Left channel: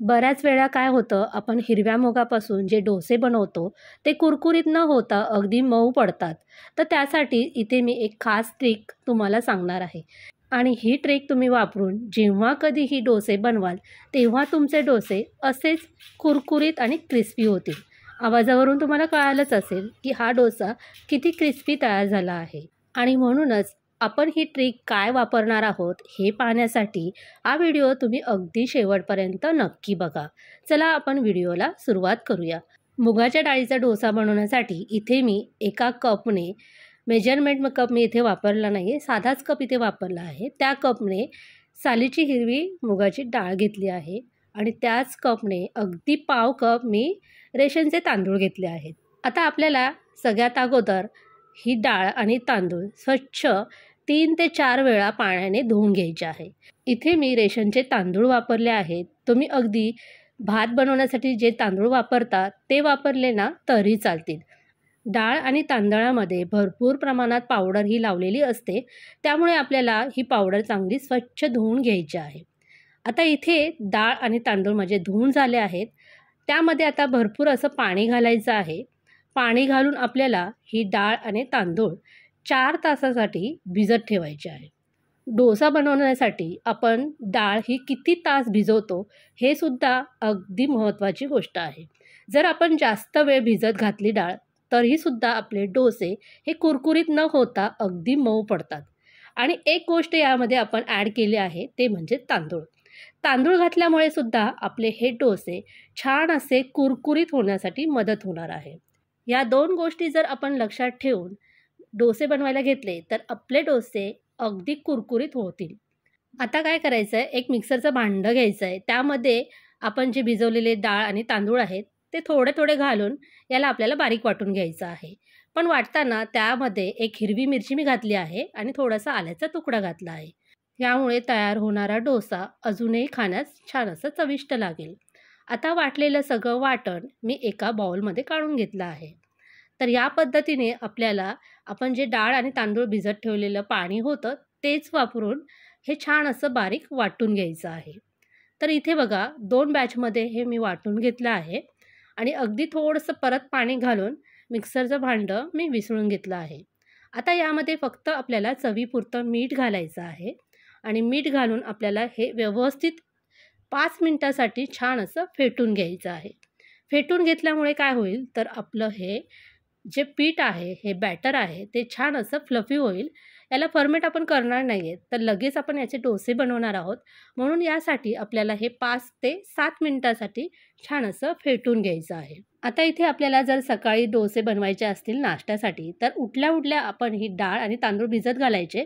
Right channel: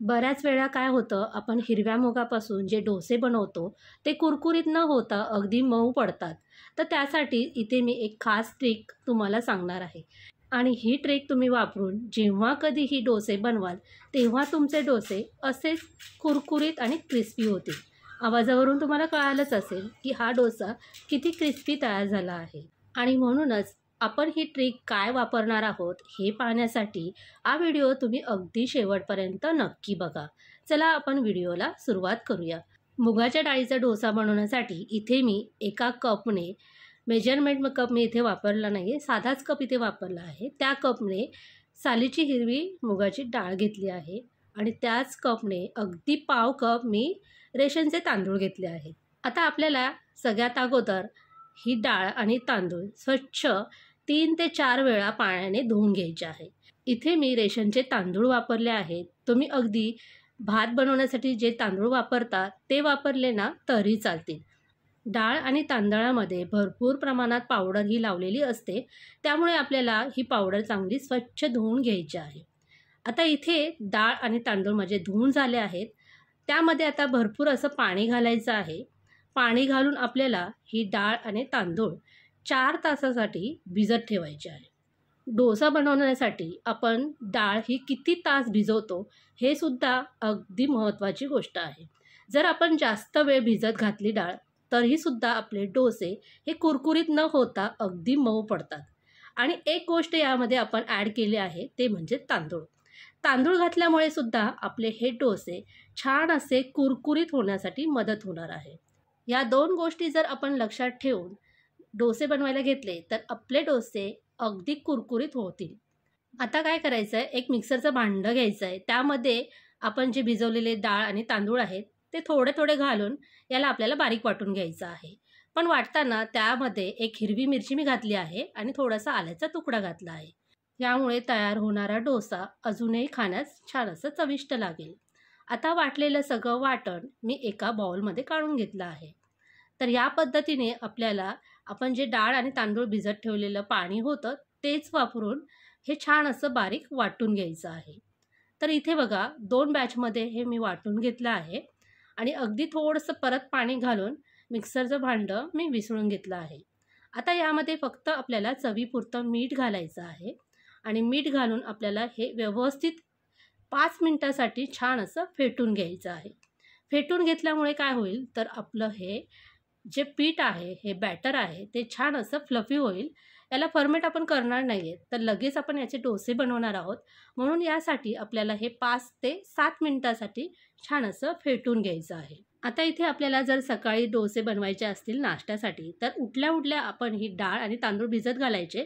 बऱ्याच वेळा काय होतं, आपण हिरव्या मुगापासून जे डोसे बनवतो, ते कुरकुरीत न होता अगदी मऊ पडतात. तर त्यासाठी इथे मी एक खास ट्रिक तुम्हाला सांगणार आहे. आणि ही ट्रिक तुम्ही वापरून जेव्हा कधीही डोसे बनवाल, तेव्हा तुमचे डोसे असेच कुरकुरीत आणि क्रिस्पी होतील. आवाजावरून तुम्हाला कळालंच असेल, की हा डोसा किती क्रिस्पी तयार झाला आहे. आणि म्हणूनच आपण ही ट्रिक काय वापरणार आहोत, हे पाहण्यासाठी हा व्हिडिओ तुम्ही अगदी शेवटपर्यंत नक्की बघा. चला आपण व्हिडिओला सुरुवात करूया. मुगाच्या डाळीचा डोसा बनवण्यासाठी इथे मी एका कपने मेजरमेंट कप मी इथे वापरला नाही आहे, साधाच कप इथे वापरला आहे. त्या कपने सालीची हिरवी मुगाची डाळ घेतली आहे आणि त्याच कपने अगदी पाव कप मी रेशनचे तांदूळ घेतले आहेत. आता आपल्याला सगळ्यात अगोदर ही डाळ आणि तांदूळ स्वच्छ 3 ते 4 वेळा पाण्याने धुवून घ्यायचे आहे. इथे मी रेशनचे तांदूळ वापरले आहेत. तुम्ही अगदी भात बनवण्यासाठी जे तांदूळ वापरता ते वापरले ना तरी चालतील. डाळ आणि तांदळामध्ये भरपूर प्रमाणात पावडर ही लावलेली असते, त्यामुळे आपल्याला ही पावडर चांगली स्वच्छ धुवून घ्यायची आहे. आता इथे डाळ आणि तांदूळ माझे धुवून झाले आहेत. त्यामध्ये आता भरपूर असं पाणी घालायचं आहे. पाणी घालून आपल्याला ही डाळ आणि तांदूळ 4 तासासाठी भिजत ठेवायचे आहे. डोसा बनवण्यासाठी आपण डाळ ही किती तास भिजवतो हे सुद्धा अगदी महत्त्वाची गोष्ट आहे. जर आपण जास्त वेळ भिजत घातली डाळ, तरीसुद्धा आपले डोसे हे कुरकुरीत न होता अगदी मऊ पडतात. आणि एक गोष्ट यामध्ये आपण ॲड केली आहे, ते म्हणजे तांदूळ. तांदूळ घातल्यामुळे सुद्धा आपले हे डोसे छान असे कुरकुरीत होण्यासाठी मदत होणार आहे. या 2 गोष्टी जर आपण लक्षात ठेवून डोसे बनवायला घेतले, तर आपले डोसे अगदी कुरकुरीत होतील. आता काय करायचं आहे, एक मिक्सरचं भांडं घ्यायचं आहे. त्यामध्ये आपण जे भिजवलेले डाळ आणि तांदूळ आहेत, ते थोडे-थोडे घालून याला आपल्याला बारीक वाटून घ्यायचं आहे. पण वाटताना त्यामध्ये एक हिरवी मिरची मी घातली आहे आणि थोडासा आल्याचा तुकडा घातला आहे. यामुळे तयार होणारा डोसा अजूनही खाण्यास छान असं चविष्ट लागेल. आता वाटलेलं सगळं वाटण मी एका बाउलमध्ये काढून घेतलं आहे. तर या पद्धतीने आपल्याला आपण जे डाळ आणि तांदूळ भिजत ठेवलेलं पाणी होतं, तेच वापरून हे छान असं बारीक वाटून घ्यायचं आहे. तर इथे बघा 2 बॅचमध्ये हे मी वाटून घेतलं आहे आणि अगदी थोडंसं परत पाणी घालून मिक्सरचं भांडं मी विसळून घेतलं आहे. आता यामध्ये फक्त आपल्याला चवीपुरतं मीठ घालायचं आहे आणि मीठ घालून आपल्याला हे व्यवस्थित 5 मिनिटासाठी छान असं फेटून घ्यायचं आहे. फेटून घेतल्यामुळे काय होईल, तर आपलं हे जे पीठ आहे, हे बॅटर आहे, ते छान असं फ्लफी होईल. याला फर्मेट आपण करणार नाही आहे, तर लगेच आपण याचे डोसे बनवणार आहोत. म्हणून यासाठी आपल्याला हे 5 ते 7 मिनिटासाठी छान असं फेटून घ्यायचं आहे. आता इथे आपल्याला जर सकाळी डोसे बनवायचे असतील नाश्त्यासाठी, तर उठल्या-उठल्या आपण ही डाळ आणि तांदूळ भिजत घालायचे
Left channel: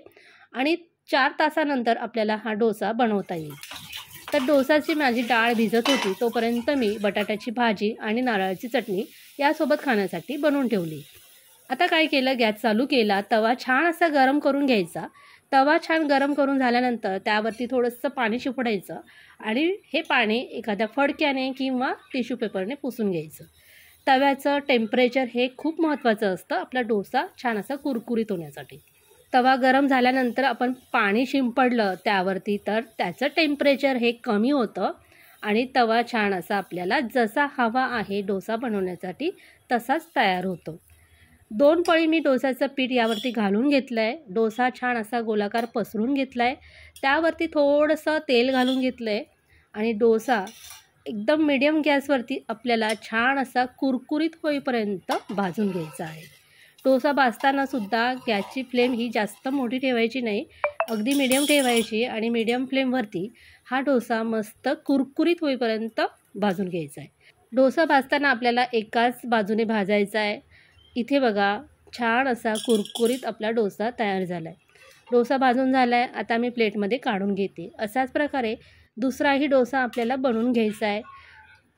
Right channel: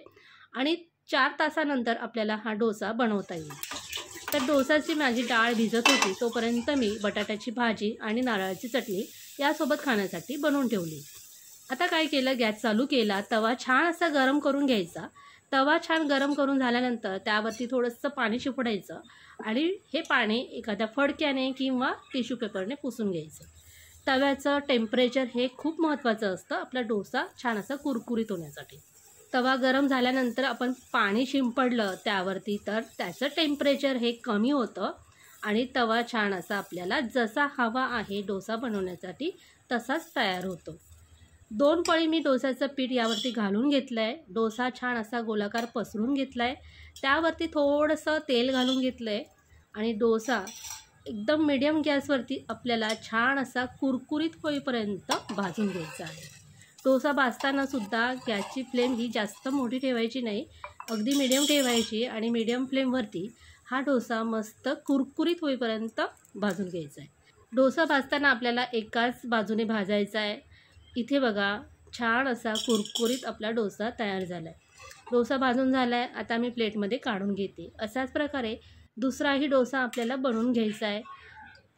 आणि 4 तासानंतर आपल्याला हा डोसा बनवता येईल. तर डोसाची माझी डाळ भिजत होती, तोपर्यंत मी बटाट्याची भाजी आणि नारळाची चटणी यासोबत खाण्यासाठी बनवून ठेवली. आता काय केलं, गॅस चालू केला, तवा छान असा गरम करून घ्यायचा. तवा छान गरम करून झाल्यानंतर त्यावरती थोडंसं पाणी शिपडायचं आणि हे पाणी एखाद्या फडक्याने किंवा टिश्यू पेपरने पुसून घ्यायचं. तव्याचं टेम्परेचर हे खूप महत्त्वाचं असतं आपला डोसा छान असा कुरकुरीत होण्यासाठी. तवा गरम झाल्यानंतर आपण पाणी शिंपडलं त्यावरती, तर त्याचं टेम्परेचर हे कमी होतं आणि तवा छान असा आपल्याला जसा हवा आहे डोसा बनवण्यासाठी तसाच तयार होतो. 2 पळी मी डोसाचं पीठ यावरती घालून घेतलं आहे. डोसा छान असा गोलाकार पसरून घेतला आहे. त्यावरती थोडंसं तेल घालून घेतलं आहे आणि डोसा एकदम मीडियम गॅसवरती आपल्याला छान असा कुरकुरीत होईपर्यंत भाजून घ्यायचा आहे. डोसा भाजताना सुद्धा गॅसची फ्लेम ही जास्त मोठी ठेवायची नाही, अगदी मीडियम ठेवायची आणि मीडियम फ्लेमवरती हा डोसा मस्त कुरकुरीत होईपर्यंत भाजून घ्यायचा आहे. डोसा भाजताना आपल्याला एकाच बाजूने भाजायचा आहे. इथे बघा छान असा कुरकुरीत आपला डोसा तयार झाला आहे. डोसा भाजून झाला आहे, आता मी प्लेटमध्ये काढून घेते. अशाच प्रकारे दुसराही डोसा आपल्याला बनवून घ्यायचा आहे.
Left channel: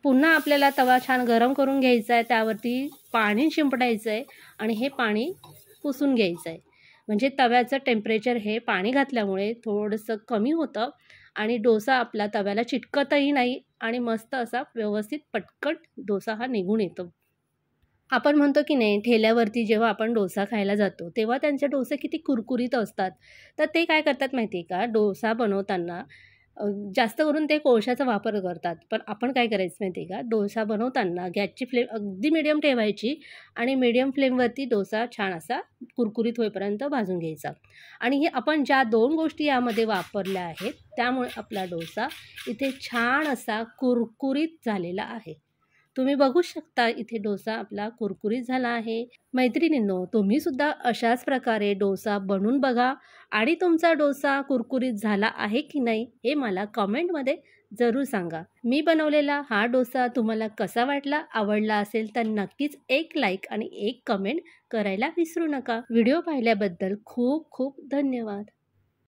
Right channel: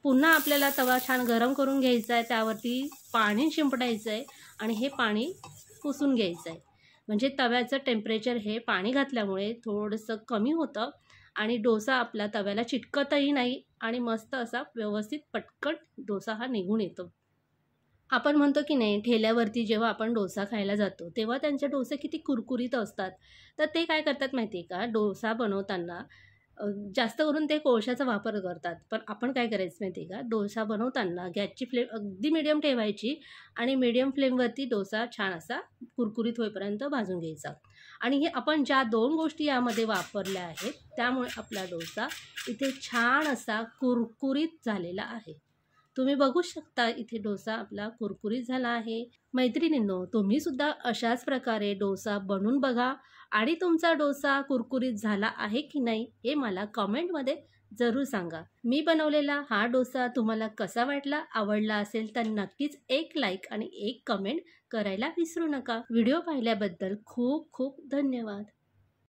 पुन्हा आपल्याला तवा छान गरम करून घ्यायचा आहे, त्यावरती पाणी शिंपडायचं आहे आणि हे पाणी पुसून घ्यायचं आहे. म्हणजे तव्याचं टेम्परेचर हे पाणी घातल्यामुळे थोडंसं कमी होतं आणि डोसा आपला तव्याला चिटकतही नाही आणि मस्त असा व्यवस्थित पटकन डोसा हा निघून येतो. आपण म्हणतो की नाही, ठेल्यावरती जेव्हा आपण डोसा खायला जातो तेव्हा त्यांचे डोसे किती कुरकुरीत असतात. तर ते काय करतात माहिती आहे का, डोसा बनवताना जास्त करून ते कोळशाचा वापर करतात. पण आपण काय करायचं माहिती आहे का, डोसा बनवताना गॅसची फ्लेम अगदी मीडियम ठेवायची आणि मीडियम फ्लेमवरती डोसा छान असा कुरकुरीत होईपर्यंत भाजून घ्यायचा. आणि हे आपण ज्या 2 गोष्टी यामध्ये वापरल्या आहेत, त्यामुळे आपला डोसा इथे छान असा कुरकुरीत झालेला आहे. तुम्ही बघू शकता इथे डोसा आपला कुरकुरीत झाला आहे. मैत्रिणींनो, तुम्ही सुद्धा अशाच प्रकारे डोसा बनवून बघा आणि तुमचा डोसा कुरकुरीत झाला आहे की नाही हे मला कमेंटमध्ये जरूर सांगा. मी बनवलेला हा डोसा तुम्हाला कसा वाटला? आवडला असेल तर नक्कीच एक लाईक आणि एक कमेंट करायला विसरू नका. व्हिडिओ पाहिल्याबद्दल खूप खूप धन्यवाद.